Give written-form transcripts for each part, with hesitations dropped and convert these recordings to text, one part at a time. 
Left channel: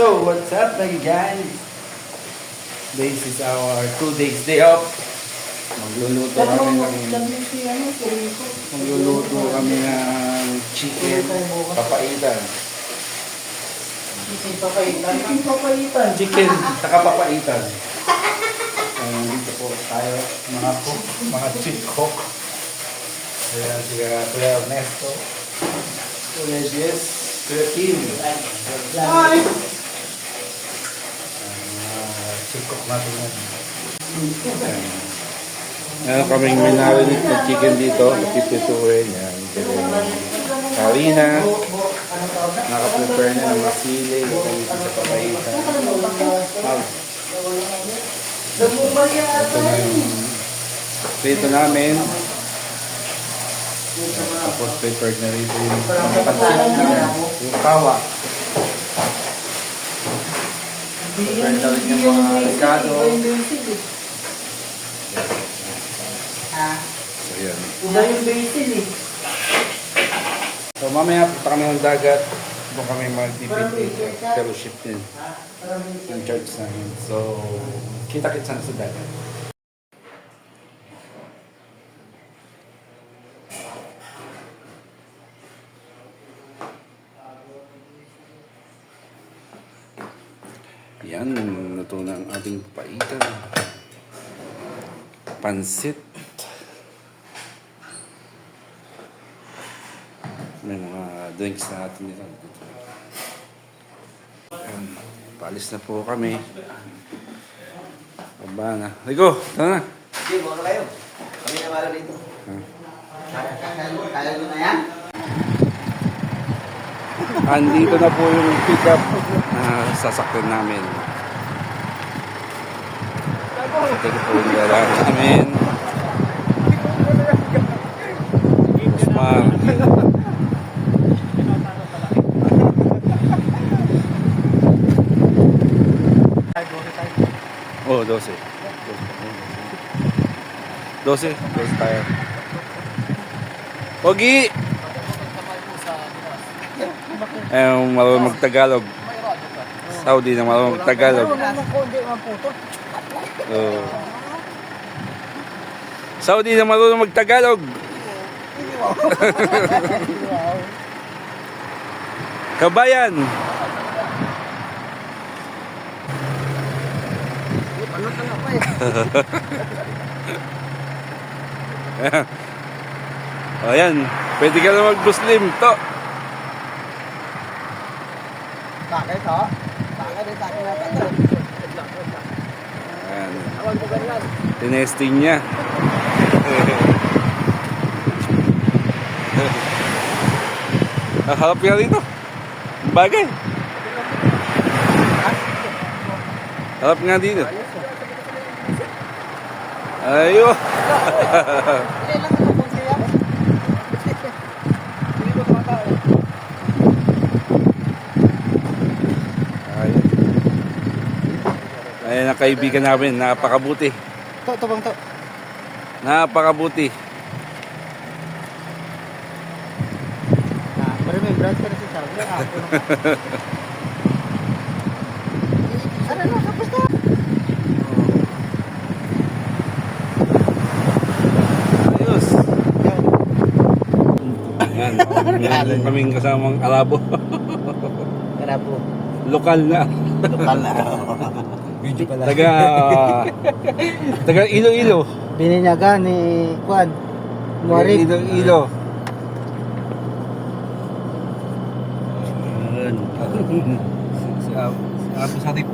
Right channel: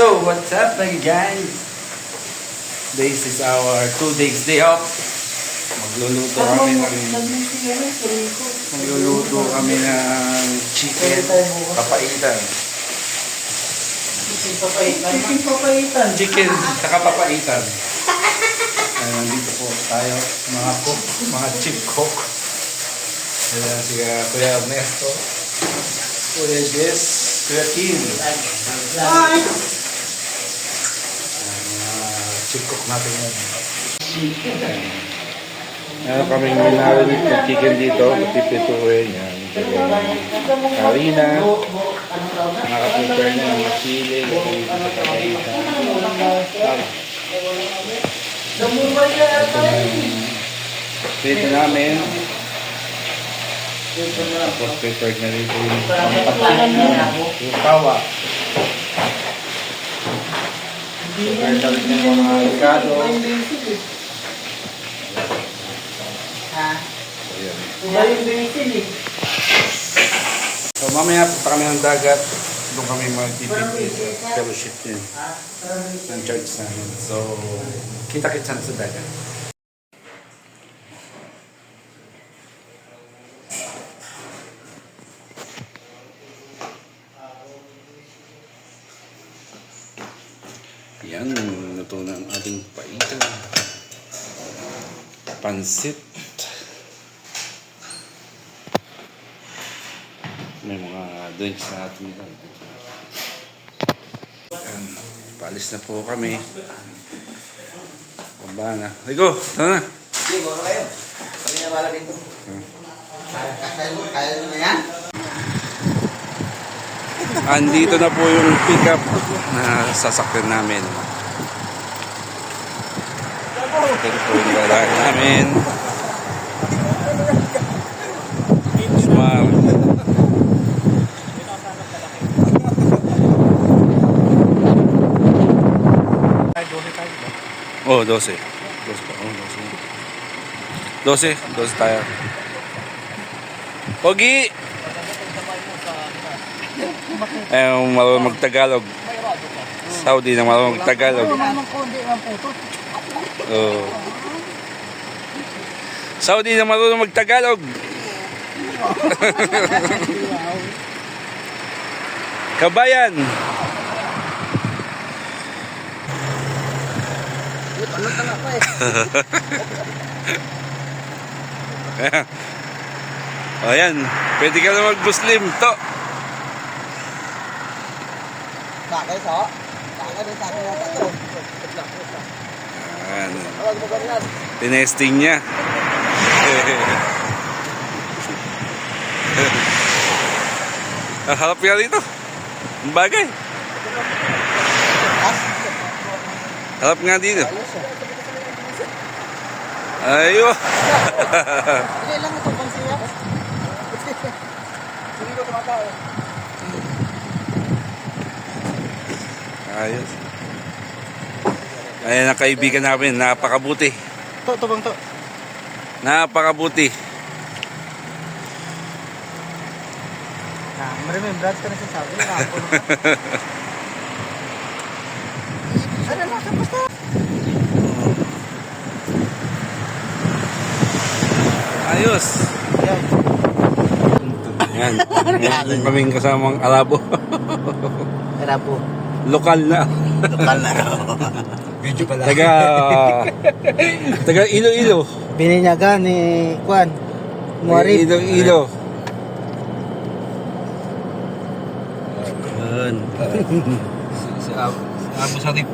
So, what's up mga guys? This is our 2 days day off. Magluluto kami ng chicken papaitan. Chicken saka papaitan. Nandito po tayo mga cook, mga chief cook. Ayan si Kuya Ernesto, Kuya Jess, Kuya Kim. Hi! Chief cook natin yan. Meron kami minarinig ng chicken dito, matipituin yan. Karina, nakaprepare na ng masili, dito sa papaitan. Ito na yung dito namin. Tapos prepared na rito yung pangpansit namin, yung pawa. Prepared na rin yung mga ricado. So yan. So mamaya punta kami ng dagat. Doon kami magpipit fellowship din ng church namin. So kita-kits na sa dagat. Yan, luto na ang ating papaitan. Pansit. May mga drinks na natin dito. Yan, paalis na po kami. Baba na. Rico, tara na. Sige, baka kayo. Kami na para dito. Kaya mo na yan? Andito na po yung pick-up na sasakyan namin. Ito po yung dalahan namin. Smart. Oh, 12. 12 tayo. Pogi! Marunong mag-Tagalog. Saudi na marunong mag-Tagalog. Oh. Saudi na marunong mag-Tagalog. Kabayan. Ano ka nga pa eh? O yan, pwede ka na mag-Muslim to. Bakit so? Bakit sa akin na tatlo? Ayan. Awag mo ganyan. Tinesting niya. Harap nga dito. Ang bagay. Harap nga dito. Ayo. Ilan lang ito pang siya? Ayos. Ayan ang kaibigan namin. Napakabuti. To bang to? Napakabuti. Remembrance ka na sa sabi. Ano mo? Tapos to? Ayos. Yan. Yan kaming kasamang Arabo. Arabo. Lokal na. Lokal na. Video pala. Taga Iloilo. Bininyaga ni Juan. Muarib. Iloilo. Yan. Si Abu Sarip.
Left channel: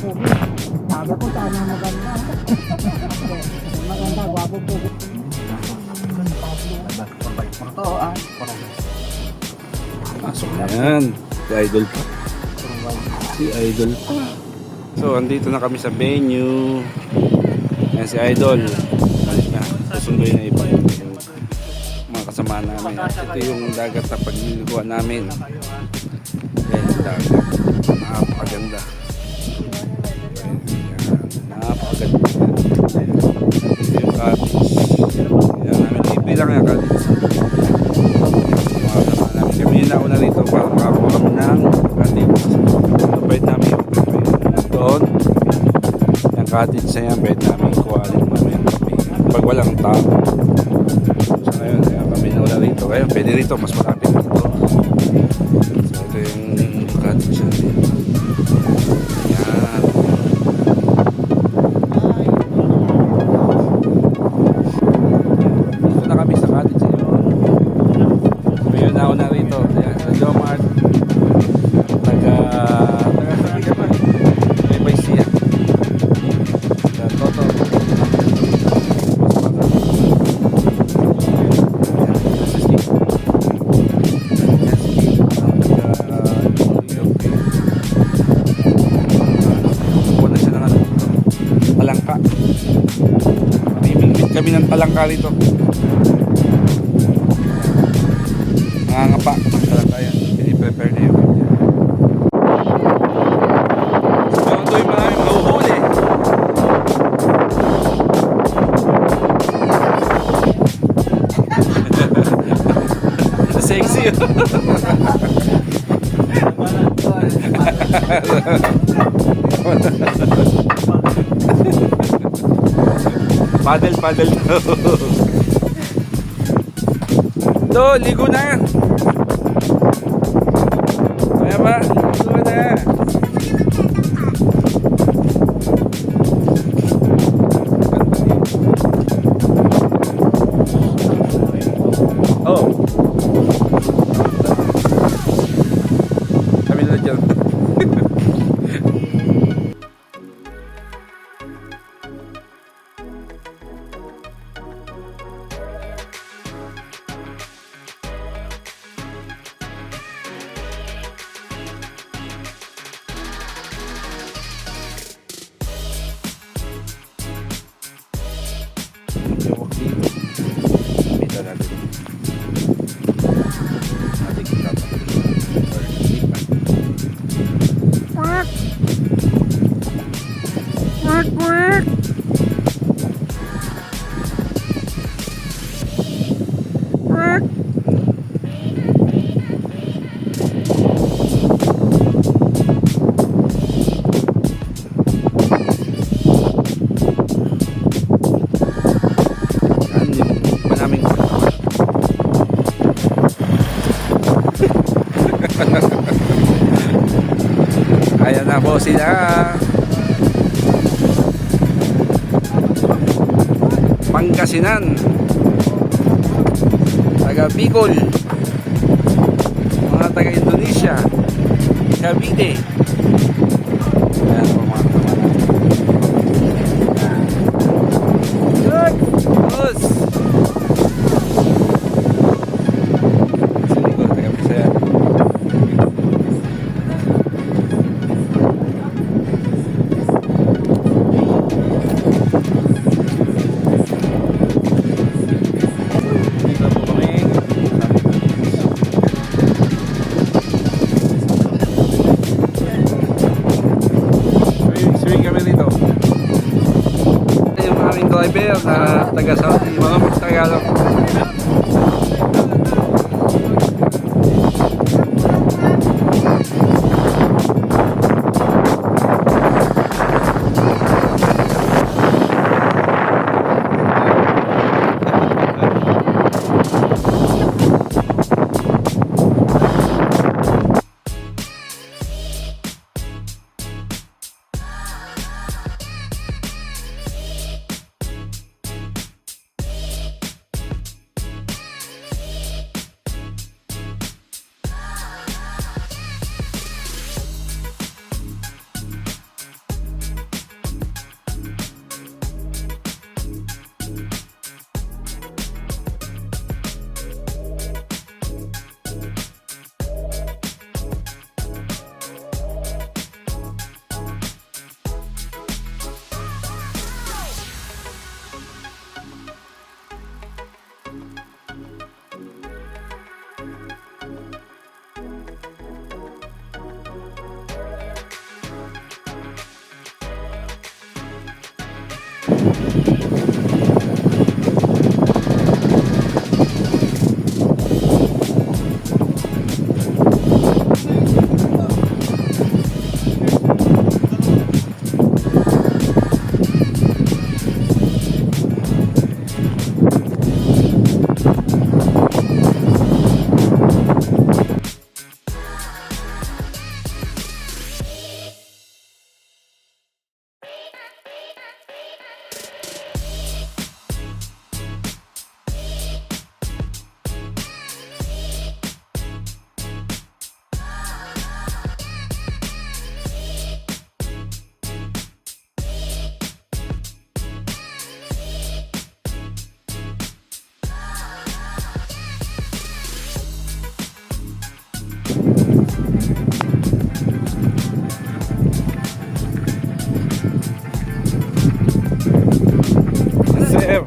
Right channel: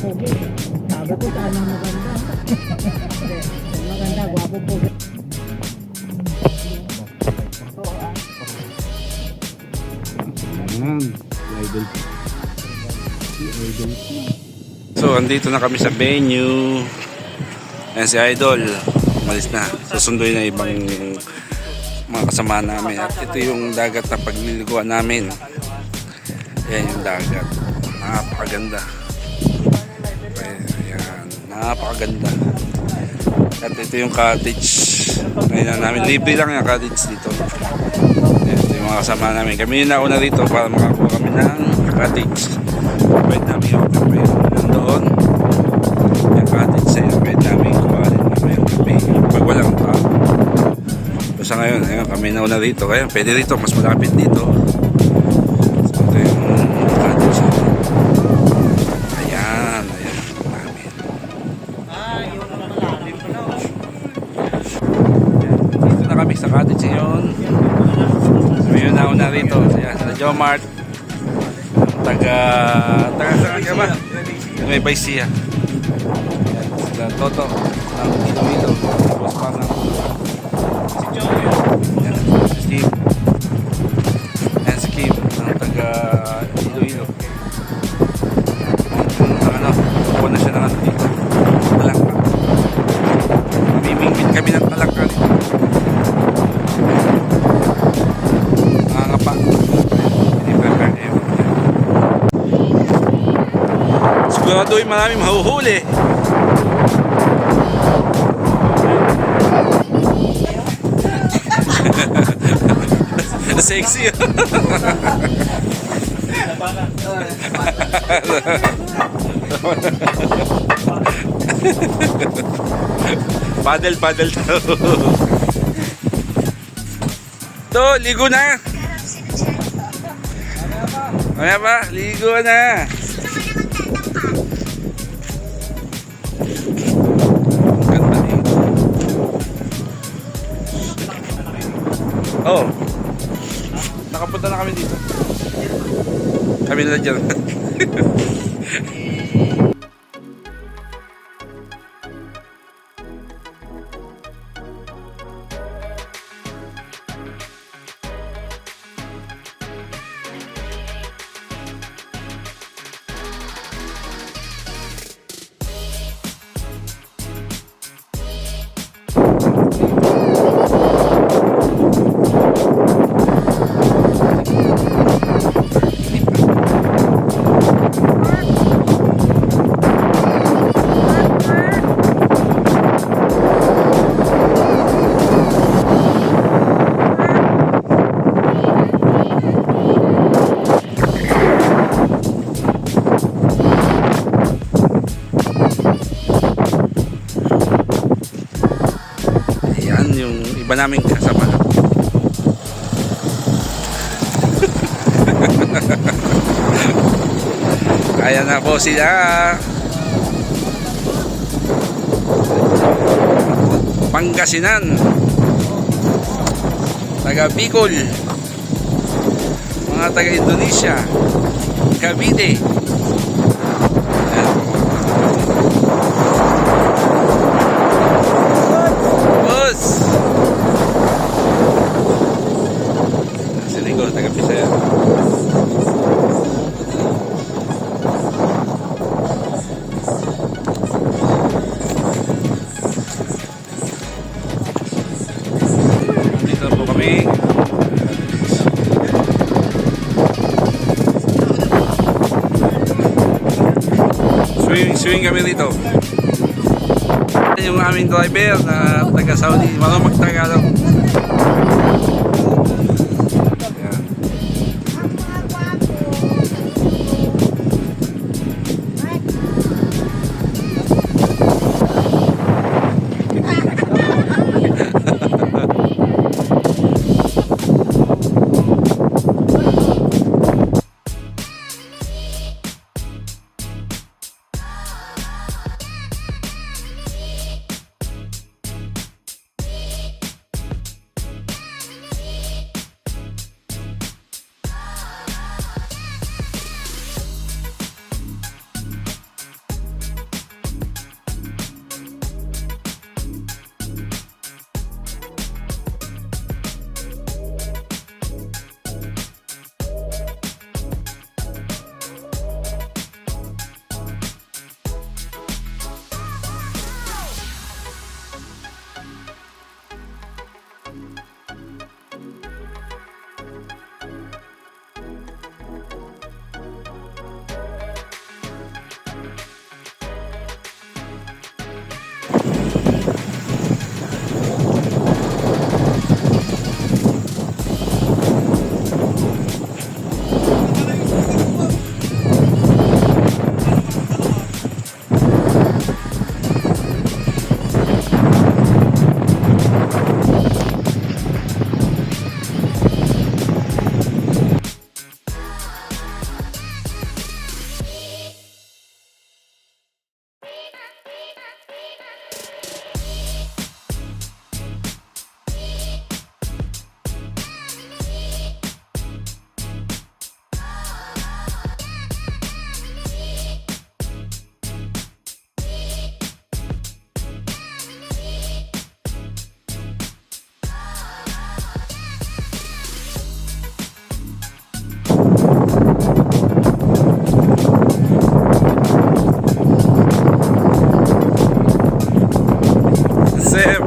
pogi. Sabi ko, sana maganda. Maganda, gwapo pogi. Ayan, si Idol pa. Si Idol pa. So, andito na kami sa venue. Ayan si Idol. Umalis na. Susunduin na ibang mga kasama namin. At ito yung dagat na pagliliguan namin. Ayan yung dagat. Napakaganda. Ayan, napakaganda. At ito yung cottage. Ayan namin. Libre lang yung cottage dito. Ayan, yung mga kasama namin. Kami yung nauna rito para makakuha kami ng cottage. Pwede namin yung doon. Yung cottage na yan, pwede namin kuhanin namin pag walang tao. So sa ngayon, ayan, kami nauna rito. Kaya pwede rito, mas malapit dito. So ito yung cottage na. Ayan, ayan. Dito na kami sa cottage ngayon. Kami yung nauna rito. Ayan, sa Jomart. Taga saan ka ba? May Baisia. Sa Toto. Si Joey. Si Kim. Yan si Kim. Taga Iloilo. Ano? Kukuha na siya ng ano dito. Palangka. Mamimingit kami ng palangka rito. Nangangapa. Piniprepare niya. Siguraduhin marami mahuhuli. Sexy. Paddle to, ligo na. Kaya ba, ligo na. Oh, nakapunta na kami dito. Kami na dyan. Yung iba naming kasama. Kaya na po sila. Pangasinan, taga Bicol, mga taga Indonesia, Cavite. Ayan po mga boss. Sinigo, taga Bisaya. Dito po kami. Swing kami dito. Yung aming driver na taga Saudi, marunong Tagalog. Sir.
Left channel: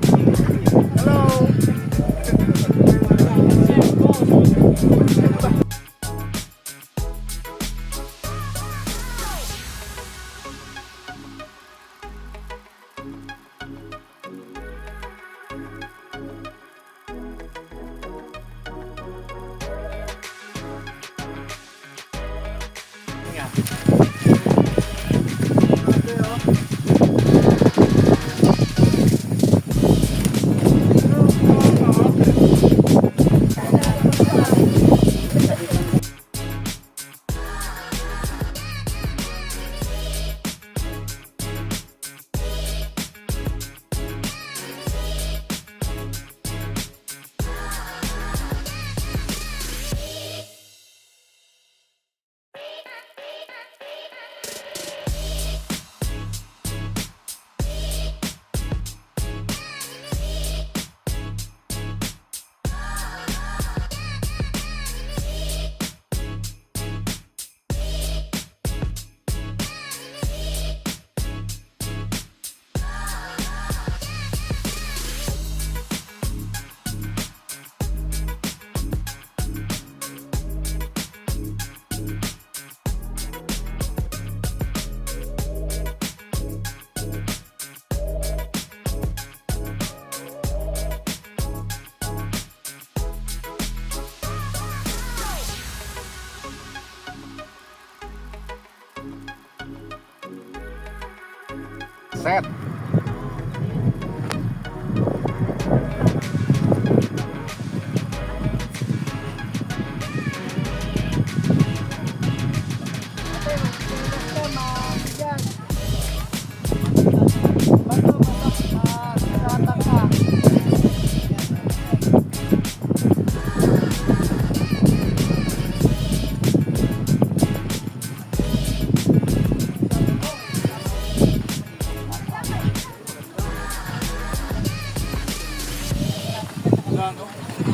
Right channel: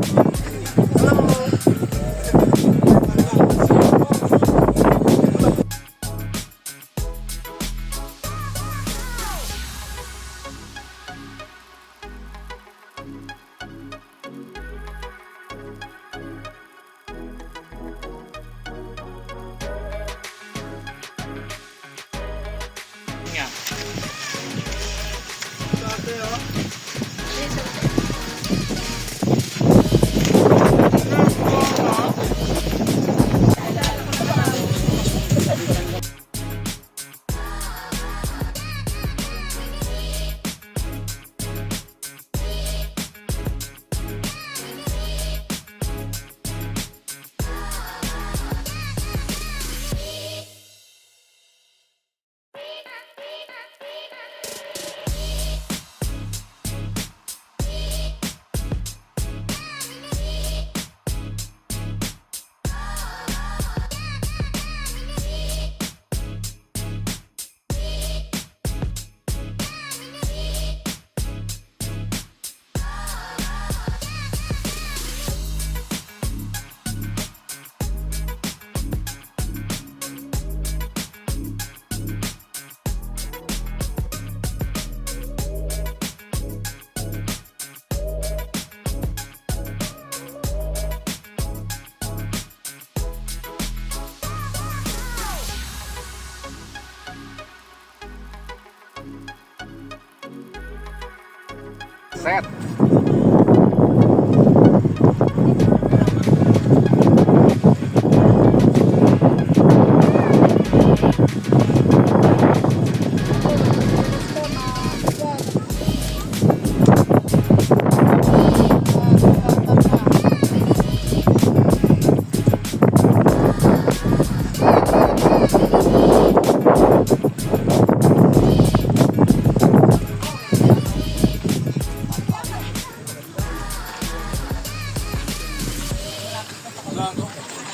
Set.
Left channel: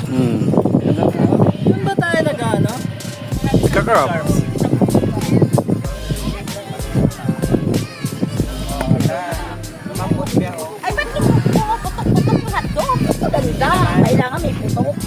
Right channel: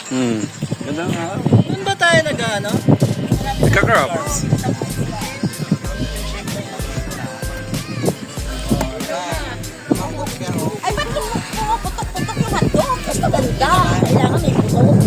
Doon ba tayo nag-ano? Nagkakrab. Ay, ba't yung putok-putok yung hotdog? Mas maganda. Kailangan may putok.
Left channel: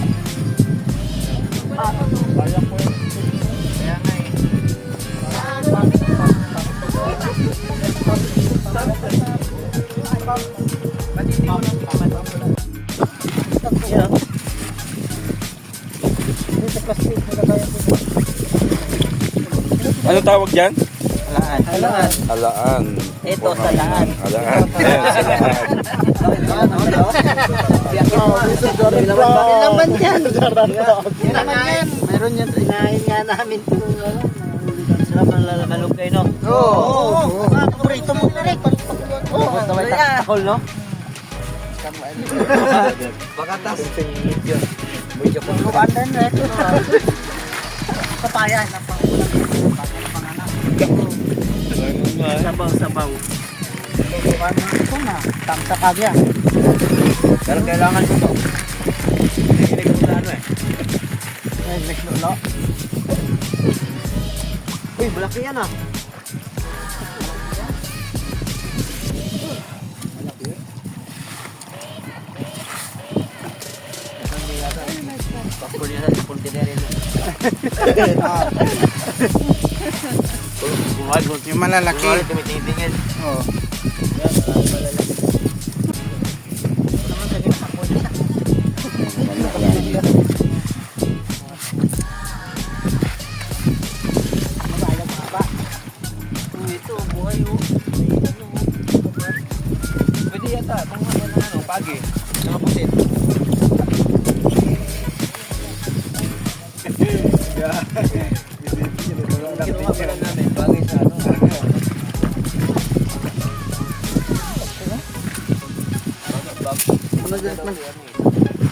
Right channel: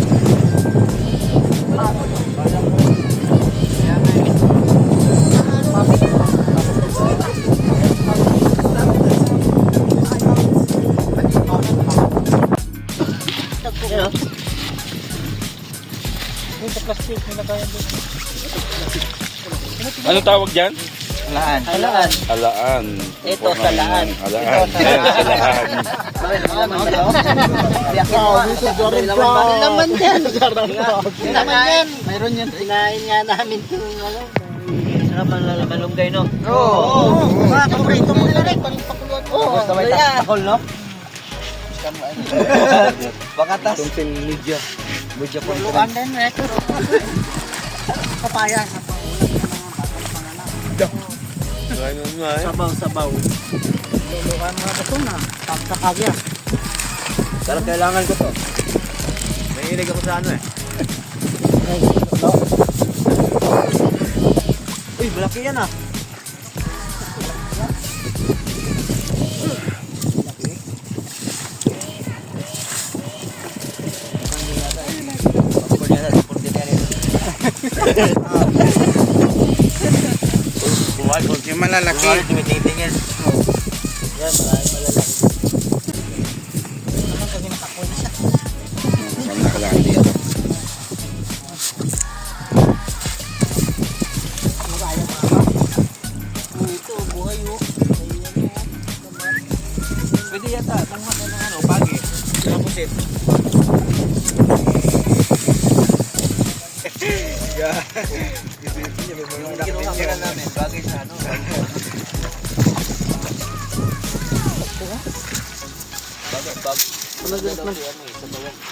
Ano tawag dyan? Halaan. Alaan. Ito, salaan. Alaan. Yes, salaan. May laman yan. Laman yan. Meron yun. Inahin nga namin ito. Sarap ang malunggay, no? Oo. Paborito mo nila rin. Oo. Takol, no? Bakatas. Medyo pulukan din, eh. Papayan. Sabaw. Pulukan mga ito na. Tapos yan. Pero kailangan ko to. Nahilig ako sa ano, eh. Uy, malaki yan, ah. Yung malalaki. Oo. Yan, malalaki. Pwede yata. Ano, pagi. Kinuha namin, bagay sa ano.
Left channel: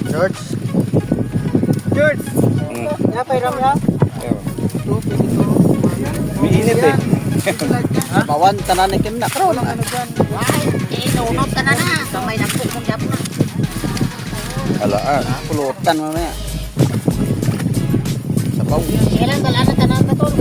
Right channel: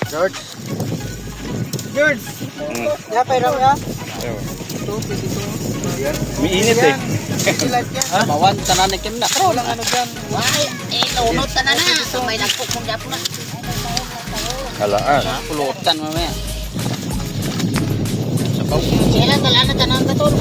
George. George. Ya, pairam ya. May init eh. Bawan tanan ikim na. Pero lang ano dyan. Why? Nunod ka na na. So may nagpuk mong gapo na. Halaan. Pulutan mo na. Kailan talaga tanan ka tol.